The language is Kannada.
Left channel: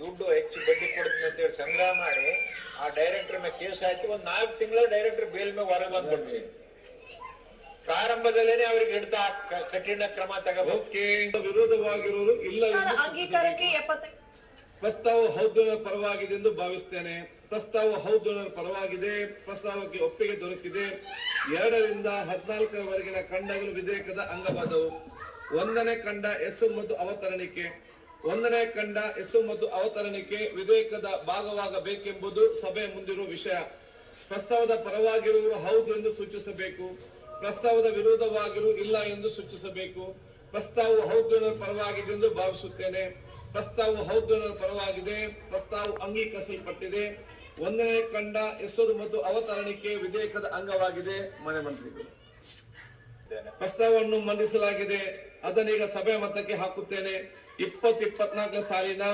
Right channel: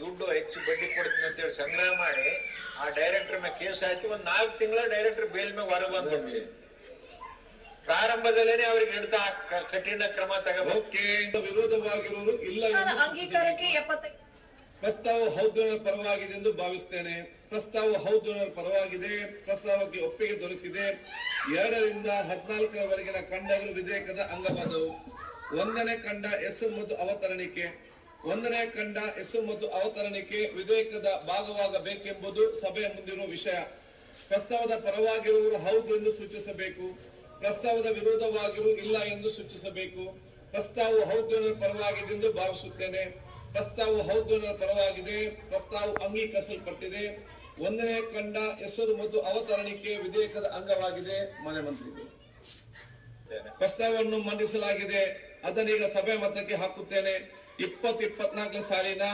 ದುಡ್ಡು ಹೆಚ್ಚು ಬಡ್ಡಿ ಕೊಡ್ತೀನಿ ಅಂತ ಹೇಳಿ ಸಂಗ್ರಹ ಮಾಡಿ ಆ ಡೈರೆಕ್ಟರ್ ಮೇಲೆ ಕೇಸ್ ಹಾಕಿ ಒಂದ್ 4 ತಿಂಗಳ ಡೈರೆಕ್ಟರ್ ಬೇಲ್ ಮೇಲೆ ಹೊರಗೆ ಬಂದ್ಬಿಡ್ತೀವಿ. ಪ್ರಾರಂಭದಲ್ಲೇನೆ ಅವ್ರಿಗೆ ಹಿಡಿತ ಕಠಿಣ ಕ್ರಮ ತಗೋಬೇಕು. ವಿರೋಧವಾಗಿರುವುದು ಇಲ್ಲ ಅಂಗೀಕಾರಕ್ಕೆ ಪ್ರಸ್ತಾವ ಹೌದು ಪರವಾಗಿದೆ ಎಂದು ಭಾವಿಸ್ತೇನೆ. ಪ್ರಸ್ತಾವ ಹೌದು ಪರವಾಗಿದೆ. ಪ್ರಸ್ತಾವಕ್ಕೆ ಒಪ್ಪಿಗೆ ದೊರೆತಿದೆ. 2 ರಿಂದ 14ರವರೆಗಿನ ಖಂಡಗಳು ವಿಧೇಯಕದ ಅಂಗವಾದವು. 1ನೇ ಖಂಡ ಹೆಸರು ಮತ್ತು ಅವತರಣಿಕೆ. 1ನೇ ಖಂಡ ಹೆಸರು ಮತ್ತು ಅವತರಣಿಕೆ ವಿಧೇಯಕದ ಭಾಗವಾಗಬೇಕೆಂಬುದು ಸಭೆಯ ಮುಂದಿರುವ ವಿಷಯ. ಪ್ರಸ್ತಾವದ ಪರವಾಗಿರುವವರು ಹೌದು ಎಂದು ಸೂಚಿಸಬೇಕು. ಪ್ರಸ್ತಾವದ ವಿರೋಧವಾಗಿರು ಇಲ್ಲ ಎಂದು ಸೂಚಿಸಬೇಕು. ಪ್ರಸ್ತಾವವು ಹೌದು ಪರವಾಗಿದೆ ಎಂದು ಭಾವಿಸುತ್ತೇನೆ. ಪ್ರಸ್ತಾವವು ಹೌದು ಪರವಾಗಿದೆ. ಪ್ರಸ್ತಾವವು ಅಂಗೀಕರಿಸಲ್ಪಟ್ಟಿದೆ. 1ನೇ ಖಂಡ ಹೆಸರು ಮತ್ತು ಅವತರಣಿಕೆ ವಿಧೇಯಕದ ಅಂಗವಾಗಿದೆ. ಮನೆ ಮಂತ್ರಿಗಳು ಪ್ರಸ್ತಾವವನ್ನು ಮಂಡಿಸಲಾಗಿದೆ. ಅದನ್ನೀಗ ಸಭೆ ಮತಕ್ಕೆ ಹಾಕುತ್ತೇನೆ. 2024 ಸಾಲಿನ